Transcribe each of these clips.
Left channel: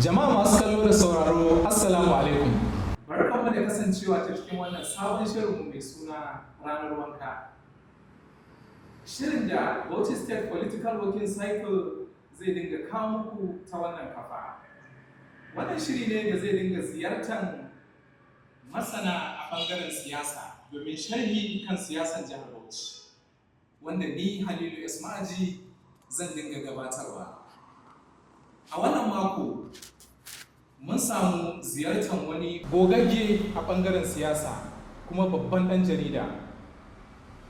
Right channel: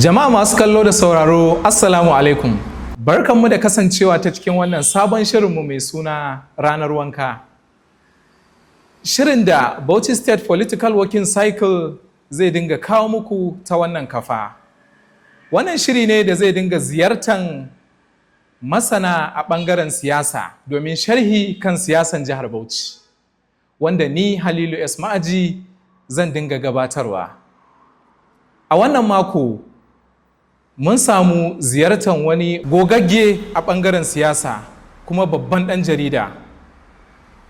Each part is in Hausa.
Jama'a masu kallo da sauraro, Assalamu alaikum. Barkanmu da kasancewa ta cikin wannan sabon shirinmu mai suna Ranar Wanka. Shirin da Bauchi State Political Working Cycle zai dinga kawo muku ta wannan kafa. Wannan shiri ne da zai dinga ziyartan masana a ɓangaren siyasa domin sharhi kan siyasan jihar Bauchi, wanda ni Halilu S. Ma'aji zan dinga gabatarwa. A wannan mako, mun samu ziyartar wani gogagge a ɓangaren siyasa kuma babban ɗan jarida,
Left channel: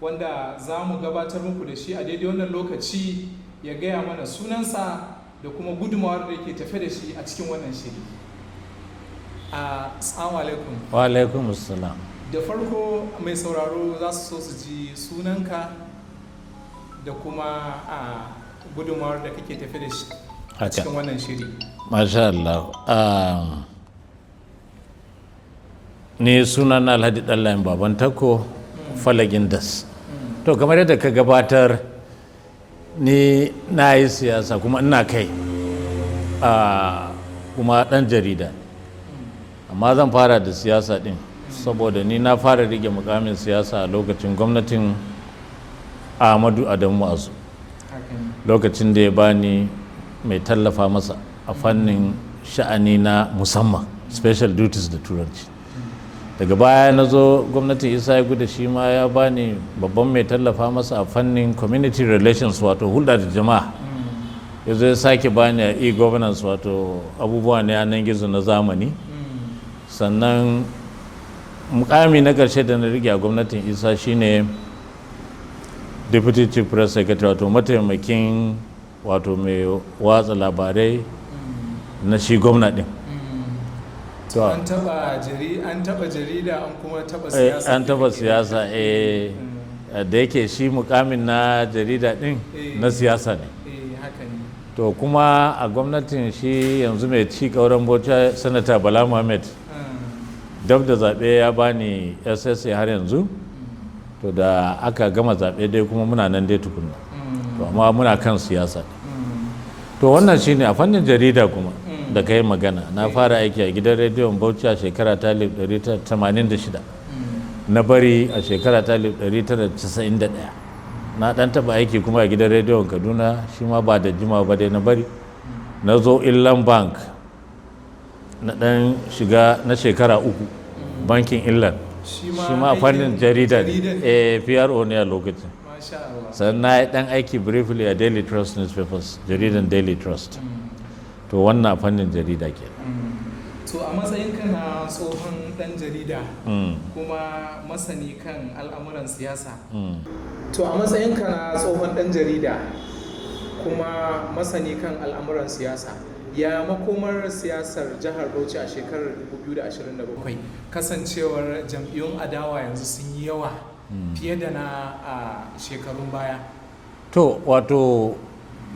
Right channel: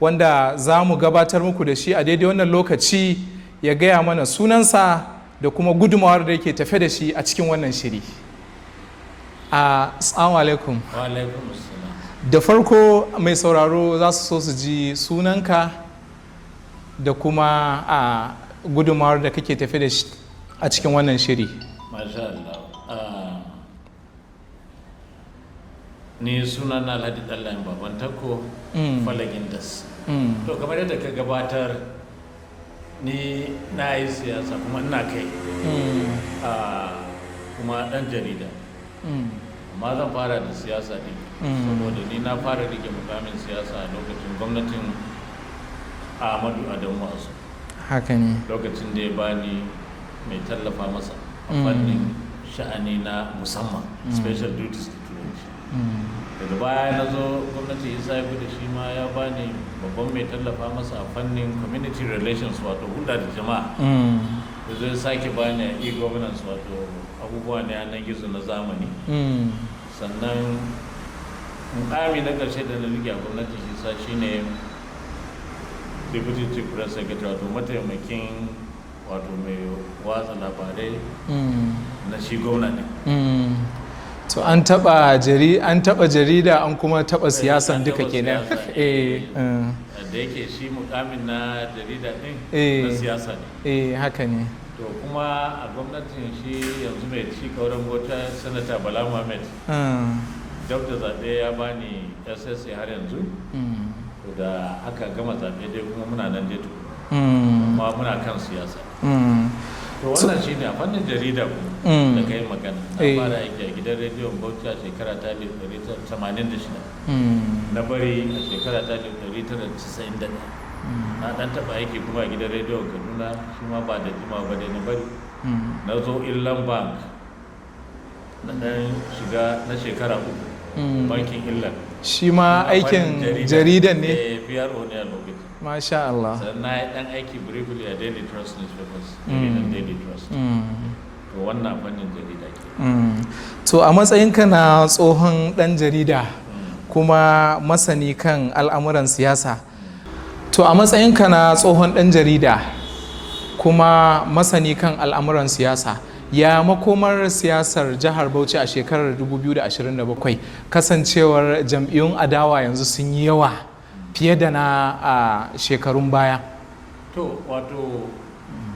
wanda za mu gabatar muku da shi a daidai wannan lokaci ya gaya mana sunansa da kuma gudunmawar da yake tafe da shi a cikin wannan shiri. Assalamu alaikum. Wa alaikum assalam. Da farko mai sauraro za su so su ji sunanka da kuma gudunmawar da kake tafe da shi a cikin wannan shiri. Masha Allah. Ni sunana Alhaji Ɗallayin Baban Tako, Falagin Das. To kamar yadda ka gabatar, ni na yi siyasa kuma ina kai, kuma ɗan jarida. Amma zan fara da siyasa ɗin, saboda ni na fara rike mukamin siyasa a lokacin gwamnatin Ahmadu Adamu Azu. Haka ne. Lokacin da ya bani mai tallafa masa a fannin sha'ani na musamman, special duties da turanci. Daga baya na zo gwamnatin Isa ya gudu, shi ma ya bani babban mai tallafa masa a fannin community relations, wato hulɗa da jama'a. Ya zo ya sake bani a e-governance, wato abubuwa na yanar gizo na zamani. Sannan mukami na ƙarshe da na rike a gwamnatin Isa shine deputy chief press secretary, wato mataimakin wato mai watsa labarai na shi gwamna din. To an taba jarida an kuma taba siyasa. An taba siyasa, da yake shi mukamin na jarida din na siyasa ne. Haka ne. To kuma a gwamnatin shi yanzu mai ci kauran Bauchi, sanata Bala Muhammad, dab da zaɓe ya bani SSA har yanzu. To da aka gama zaɓe dai kuma muna nan dai tukuna, amma muna kan siyasa. To wannan shine a fannin jarida kuma da kai magana. Na fara aiki a gidan rediyon Bauchi a shekara ta 1986, na bari a shekara ta 1991. Na dan taba aiki kuma a gidan rediyon Kaduna, shi ma ba da jima ba dai na bari. Na zo Inland Bank, na dan shiga na shekara 3 bankin Inland. Shi ma aikin jaridan ne. PRO ne a lokacin. Masha Allah. Sannan na yi dan aiki briefly a Daily Trust newspapers, jaridan Daily Trust. To wannan fannin jarida ke. To a matsayinka na tsohon dan jarida kuma masani kan al'amuran siyasa. To a matsayinka na tsohon dan jarida kuma masani kan al'amuran siyasa, ya makomar siyasar jihar Bauchi a shekarar 2027, kasancewar jam'iyyun adawa yanzu sun yi yawa fiye da na a shekarun baya? To wato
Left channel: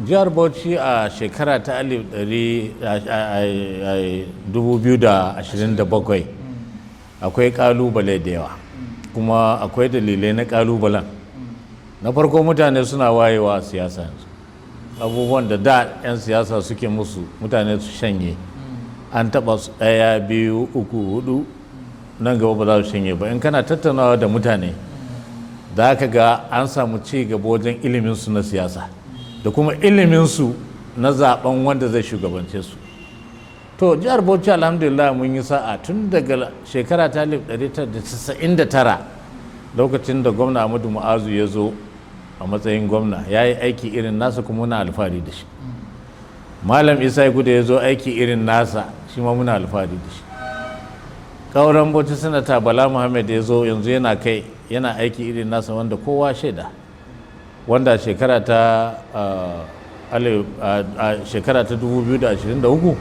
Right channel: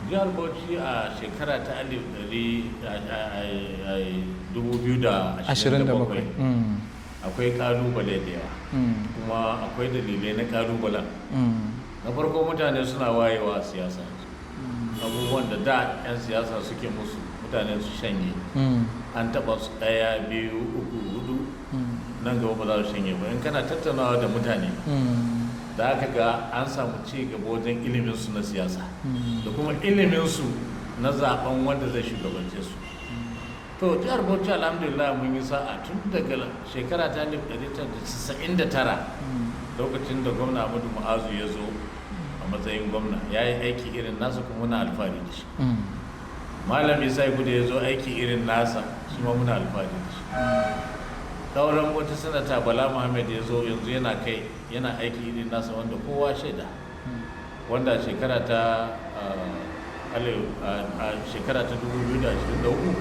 jihar Bauchi a shekara ta 2027 akwai kalubale da yawa, kuma akwai dalilai na kalubalen. Na farko, mutane suna wayewa a siyasa yanzu. Abubuwan da 'yan siyasa suke musu mutane su shanye, an taba su 1, 2, 3, 4, nan gaba ba za su shanye ba. In kana tattaunawa da mutane, za ka ga an samu ci gaba wajen iliminsu na siyasa da kuma iliminsu na zaben wanda zai shugabance su. To jihar Bauchi alhamdulillah mun yi sa'a tun daga shekara ta 1999, lokacin da gwamna Ahmadu Mu'azu ya zo a matsayin gwamna, ya yi aiki irin nasa kuma muna alfahari da shi. Malam Isa ya gudu ya zo aiki irin nasa, shi ma muna alfahari da shi. Kauran Bauchi sanata Bala Muhammad ya zo yanzu yana aiki irin nasa wanda kowa shaida, wanda shekara ta 2023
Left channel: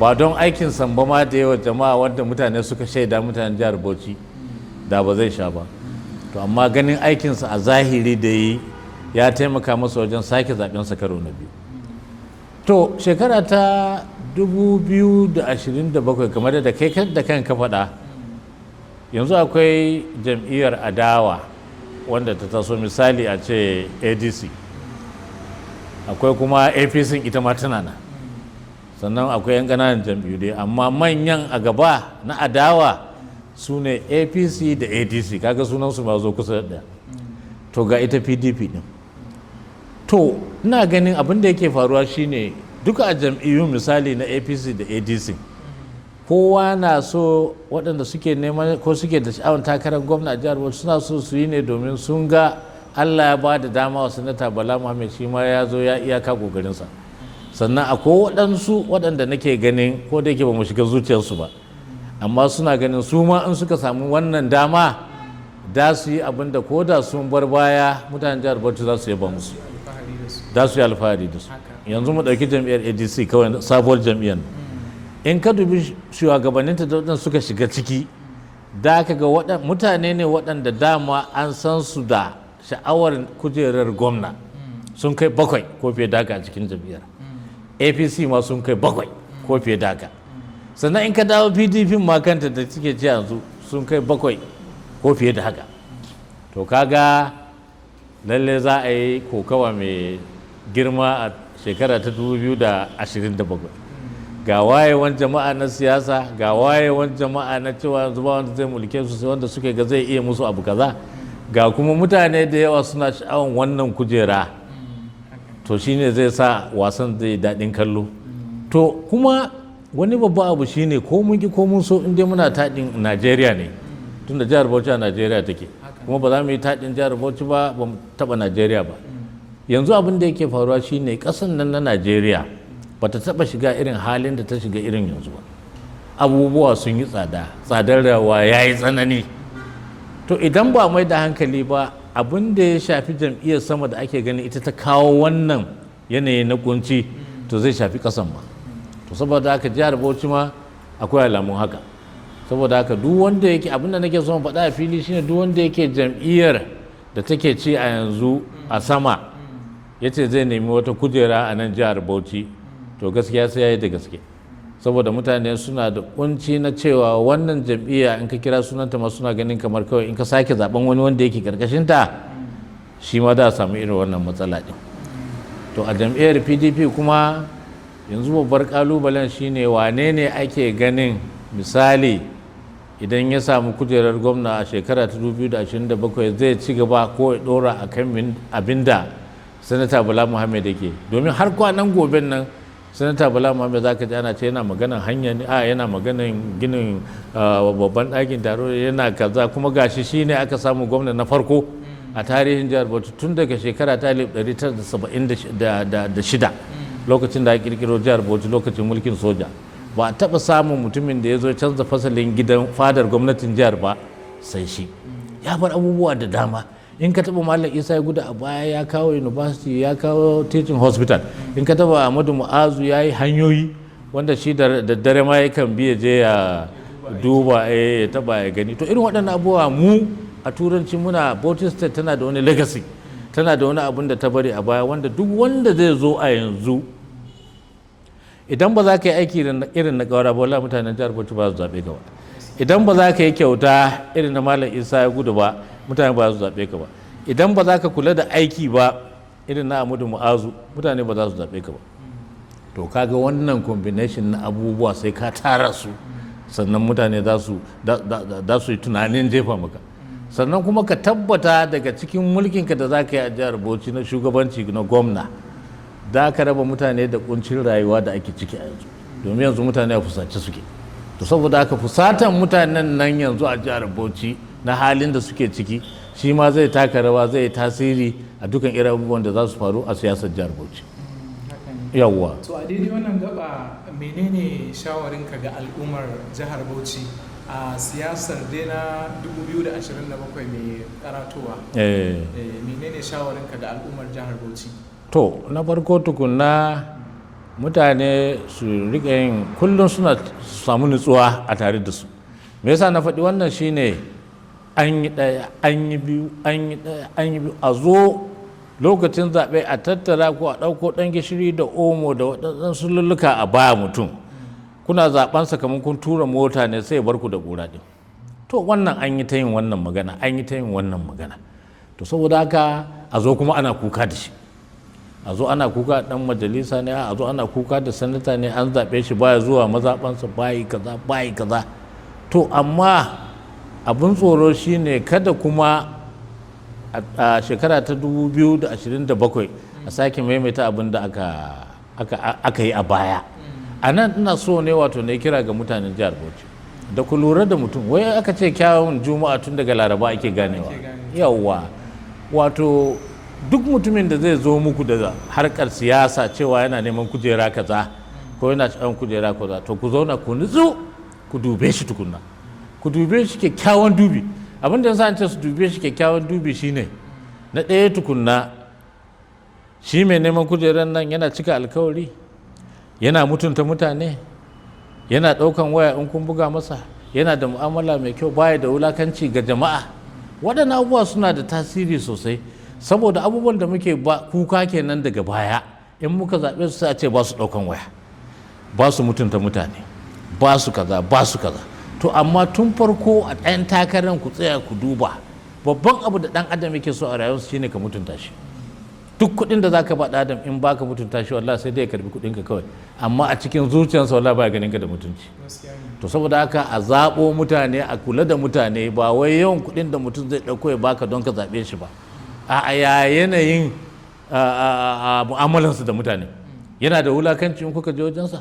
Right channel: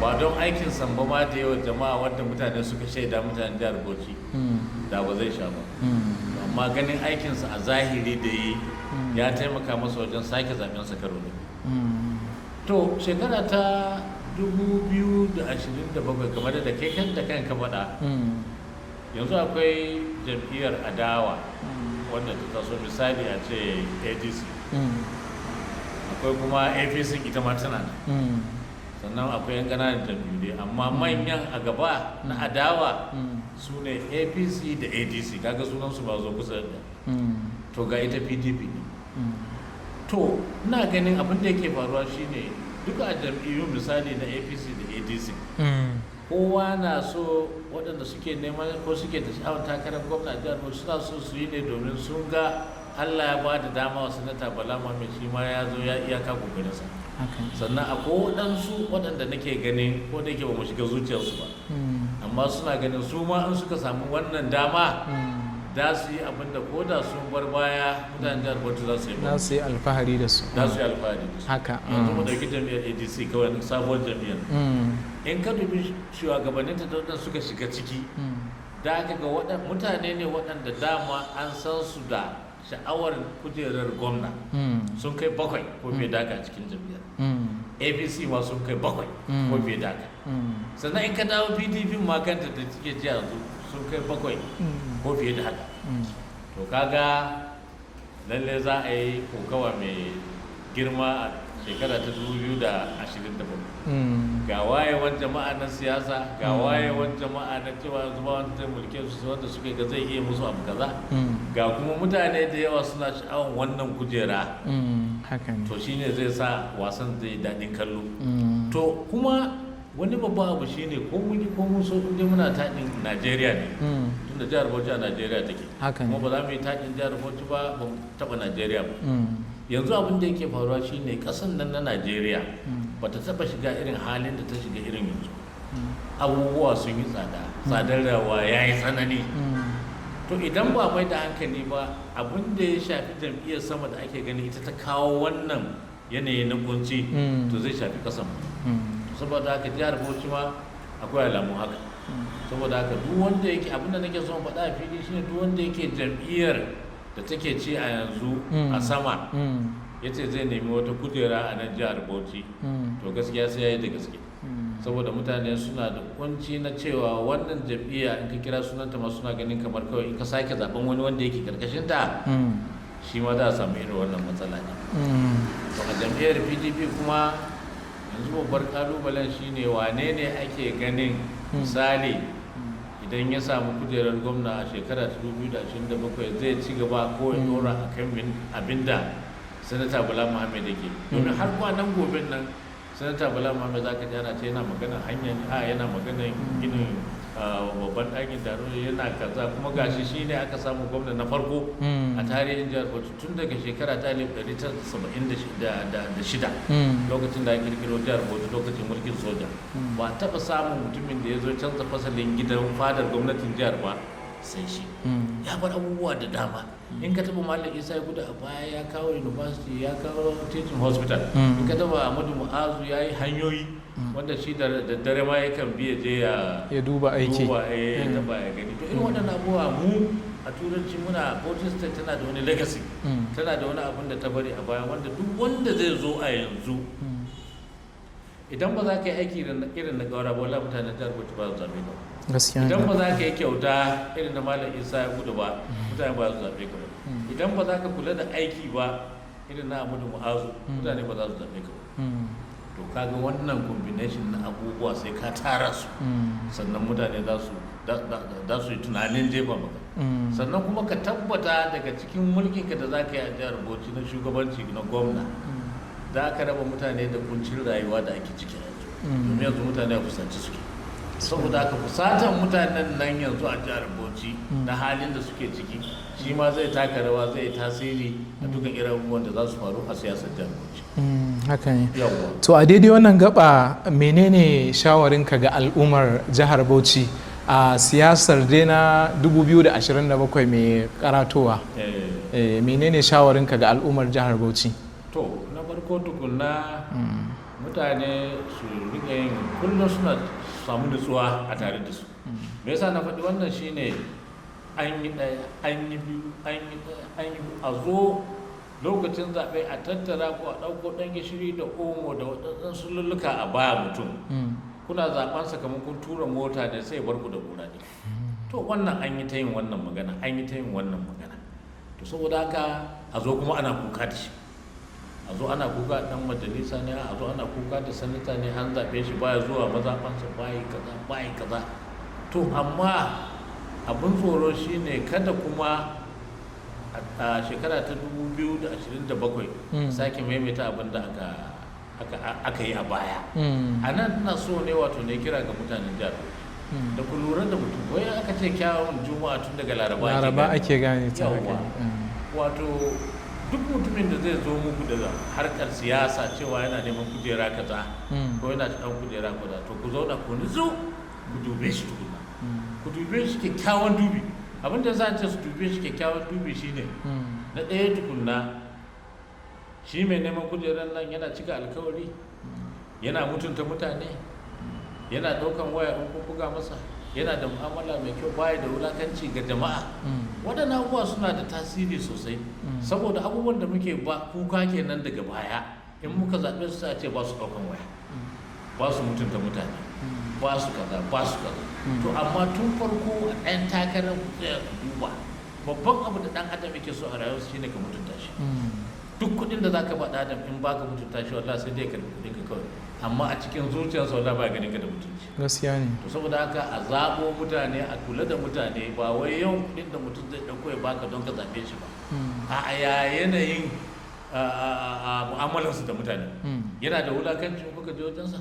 ba don aikin samba ma da yawa jama'a wanda mutane suka shaida, mutanen jihar Bauchi, da ba zai sha ba. To amma ganin aikinsa a zahiri da yi ya taimaka masa wajen sake zaɓensa karo na biyu. To shekara ta 2027 kamar da kai da kanka faɗa, yanzu akwai jam'iyyar adawa wanda ta taso, misali a ce ADC, akwai kuma APC ita ma tana nan. sannan akwai 'yan ƙananan jam'iyyu dai, amma manyan a gaba na adawa su ne apc da adc, kaga sunansu ba zo kusa da to ga ita pdp din. To ina ganin abin da yake faruwa shine duka a jam'iyyu misali na apc da adc kowa na so waɗanda suke neman ko suke da sha'awar takarar gwamna a jihar Bauchi suna so su yi ne domin sun ga Allah ya ba da dama wa sanata Bala Muhammad shi ma ya zo ya iyaka kokarinsa. Sannan akwai waɗansu waɗanda nake ganin ko da yake ba mu shiga zuciyarsu ba amma suna ganin su ma in suka samu wannan dama da su yi abin da ko da sun bar baya mutanen jihar Bauchi za su yi ba za su yi alfahari da su. za su yi alfahari da su. Yanzu mu ɗauki jam'iyyar ADC kawai sabuwar jam'iyyar. In ka dubi shugabanninta da waɗanda suka shiga ciki da aka ga mutane ne waɗanda dama an san su da sha'awar kujerar gwamna sun kai 7 ko fiye da haka a cikin jam'iyyar. APC ma sun kai 7 ko fiye da haka. Sannan in ka dawo PDP ma kanta da suke ci yanzu sun kai 7 ko fiye da haka. To kaga lalle za a yi kokawa mai girma a shekara ta 2027 ga wayewan jama'a na siyasa ga wayewan jama'a na cewa yanzu ba wanda zai mulke su wanda suke ga zai iya musu abu kaza ga kuma mutane da yawa suna sha'awan wannan kujera to shine zai sa wasan zai daɗin kallo. To kuma wani babba abu shine ko mun ki ko mun so in dai muna taɗin Najeriya ne tunda jihar Bauchi a Najeriya take kuma ba za mu yi taɗin jihar Bauchi ba mu taɓa Najeriya ba. Yanzu abin da yake faruwa shine kasan nan na Najeriya bata taba shiga irin halin da ta shiga irin yanzu ba. Abubuwa sun yi tsada, tsadar rawa ya yi tsanani. To idan ba mai da hankali ba abin da ya shafi jam'iyyar sama da ake gani ita ta kawo wannan yanayi na kunci to zai shafi kasan ba. To saboda haka jihar Bauchi ma akwai alamun haka. Saboda haka duk wanda yake abin da nake son faɗa a fili shine duk wanda yake jam'iyyar da take ci a yanzu a sama ya ce zai nemi wata kujera a nan jihar Bauchi to gaskiya sai ya yi da gaske saboda mutane suna da kunci na cewa wannan jam'iyya in ka kira sunanta ma suna ganin kamar kawai in ka sake zaben wani wanda yake karkashinta shi ma da samu irin wannan matsala din. To a jam'iyyar PDP kuma yanzu babbar kalubalen shine wane ne ake ganin misali idan ya samu kujerar gwamna a shekara ta 2027 zai ci gaba ko ya dora a kan abinda sanata Bala Muhammad yake domin har kwanan goben nan sanata Bala Muhammad za ka ji ana ce yana maganan hanya ne yana maganan ginin babban ɗakin taro yana kaza kuma gashi shine aka samu gwamna na farko a tarihin jihar Bauchi tun daga shekara ta 1976 lokacin da aka kirkiro jihar Bauchi lokacin mulkin soja. Ba a taɓa samun mutumin da ya zo canza fasalin gidan fadar gwamnatin jihar ba sai shi ya bar abubuwa da dama. In ka taɓa Malam Isa ya guda a baya ya kawo university ya kawo teaching hospital in ka taɓa Ahmadu Mu'azu ya yi hanyoyi wanda shi da dare ma yakan biya je ya duba ya taɓa ya gani. To irin waɗannan abubuwa mu a turanci muna Bauchi State tana da wani legacy tana da wani abun da ta bari a baya wanda duk wanda zai zo a yanzu idan ba za ka yi aiki irin na kawara ba wallahi mutanen jihar Bauchi ba su zaɓe ka ba. Idan ba za ka yi kyauta irin na Malam Isa ya gudu ba mutane ba su zaɓe ka ba. Idan ba za ka kula da aiki ba irin na Ahmadu Mu'azu mutane ba za su zaɓe ka ba. To kaga wannan combination na abubuwa sai ka tara su sannan mutane za su yi tunanin jefa maka. Sannan kuma ka tabbata daga cikin mulkinka da za ka yi a jihar Bauchi na shugabanci na gwamna da ka raba mutane da kuncin rayuwa da ake ciki a yanzu domin yanzu mutane a fusace suke. To saboda haka fusatan mutanen nan yanzu a jihar Bauchi na halin da suke ciki shi ma zai taka rawa zai yi tasiri a dukkan irin abubuwan da za su faru a siyasar jihar Bauchi. Haka ne. Yawwa. To a daidai wannan gaba menene shawarinka ga al'ummar jihar Bauchi a siyasar dai na 2027 mai karatowa? Menene shawarinka ga al'ummar jihar Bauchi? To na farko tukunna mutane su rika yin kullum suna samu nutsuwa a tare da su. Me yasa na faɗi wannan shine an yi ɗaya an yi biyu an yi ɗaya an yi biyu a zo lokacin zaɓe a tattara ko a ɗauko ɗan gishiri da omo da waɗansu lulluka a baya mutum kuna zaɓen kamar kun tura mota ne sai ya bar ku da ƙura ɗin. To wannan an yi ta yin wannan magana an yi ta yin wannan magana. To saboda haka a zo kuma ana kuka da shi a zo ana kuka dan majalisa ne, a zo ana kuka da sanata ne, an zaɓe shi baya zuwa mazaɓansa, bayi kaza. To amma abin tsoro shine kada kuma a shekara ta 2027 a sake maimaita abin da aka yi a baya. A nan ina so ne wato ne kira ga mutanen jihar Bauchi da ku lura da mutum, wai aka ce kyawun juma'a tun daga laraba ake gane yawwa. Wato duk mutumin da zai zo muku da harkar siyasa cewa yana neman kujera kaza ko yana cikin kujera kaza, to ku zauna ku nutsu ku dube shi tukunna, ku dube shi kyakkyawan dubi. Abin da yasa ce su dube shi kyakkyawan dubi shine na ɗaya tukunna, shi mai neman kujerar nan yana cika alkawari, yana mutunta mutane, yana ɗaukan waya in kun buga masa, yana da mu'amala mai kyau, baya da wulakanci ga jama'a. Waɗannan abubuwa suna da tasiri sosai, saboda abubuwan da muke kuka kenan daga baya, in muka zaɓe su sai a ce ba su ɗaukan waya, ba su mutunta mutane, ba su kaza. To amma tun farko a ɗayan takarar ku tsaya ku duba, babban abu da ɗan adam yake so a rayuwarsa shine ka mutunta shi. Duk kuɗin da zaka ba ɗan adam in baka mutunta shi, wallahi sai dai ya karbi kuɗin ka kawai, amma a cikin zuciyarsa wallahi baya ganin ka da mutunci. Gaskiya ne. To saboda haka a zaɓo mutane, a kula da mutane, ba wai yawan kuɗin da mutum zai ɗauko ya baka don ka zaɓe shi ba, a yanayin mu'amalansu da mutane. Yana da wulakanci in kuka je wajensa,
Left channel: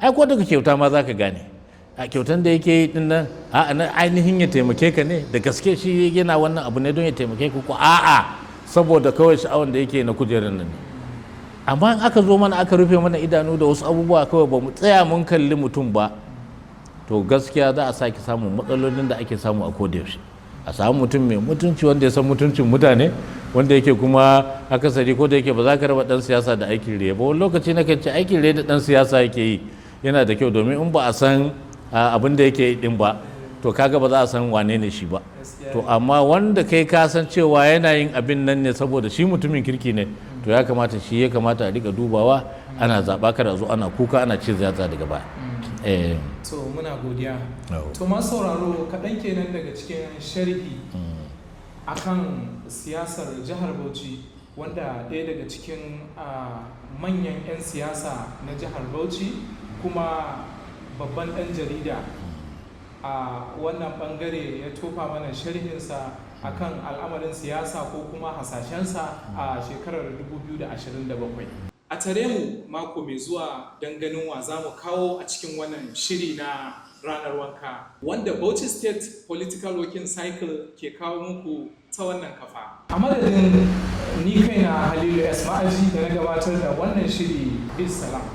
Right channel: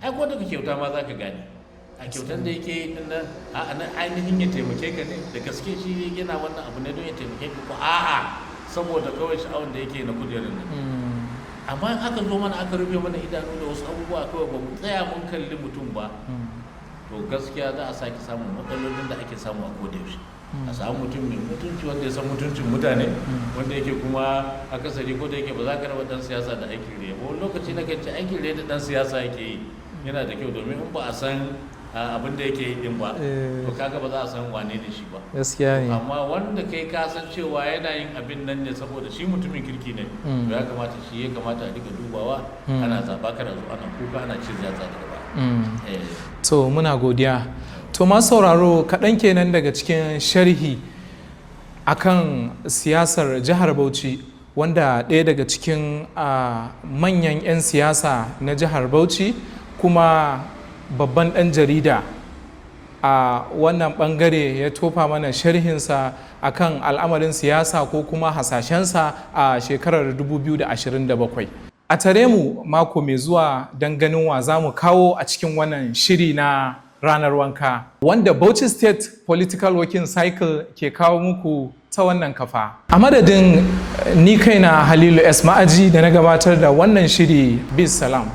ai ko daga kyauta ma zaka gane. A kyautan da yake yi din nan, ainihin ya taimake ka ne da gaske, shi yana wannan abu ne don ya taimake ka, ko a'a saboda kawai sha'awan da yake na kujerar nan. Amma in aka zo mana aka rufe mana idanu da wasu abubuwa kawai, ba mu tsaya mun kalli mutum ba, to gaskiya za a sake samun matsalolin da ake samu a kodayaushe. A samu mutum mai mutunci, wanda ya san mutuncin mutane, wanda yake kuma akasari ko da yake ba za ka raba dan siyasa da aikin riya ba. Wani lokaci na kan ce aikin riya da dan siyasa yake yi yana da kyau, domin in ba a san abin da yake yi din ba, to kaga ba za a san wane ne shi ba. To amma wanda kai ka san cewa yana yin abin nan ne saboda shi mutumin kirki ne, to ya kamata a rika dubawa, ana zaba, kada zo ana kuka ana ce zata daga baya. To muna godiya. To masu sauraro, kaɗan kenan daga cikin sharhi akan siyasar jihar Bauchi, wanda ɗaya daga cikin manyan 'yan siyasa na jihar Bauchi kuma babban ɗan jarida a wannan ɓangare ya tofa mana sharhinsa akan al'amarin siyasa ko kuma hasashensa a shekarar 2027. A tare mu mako mai zuwa don ganin wa za mu kawo a cikin wannan shiri na ranar wanka, wanda Bauchi State Political Working Cycle ke kawo muku ta wannan kafa. A madadin ni kaina Halilu S. Ma'aji da na gabatar da wannan shiri, bis salam.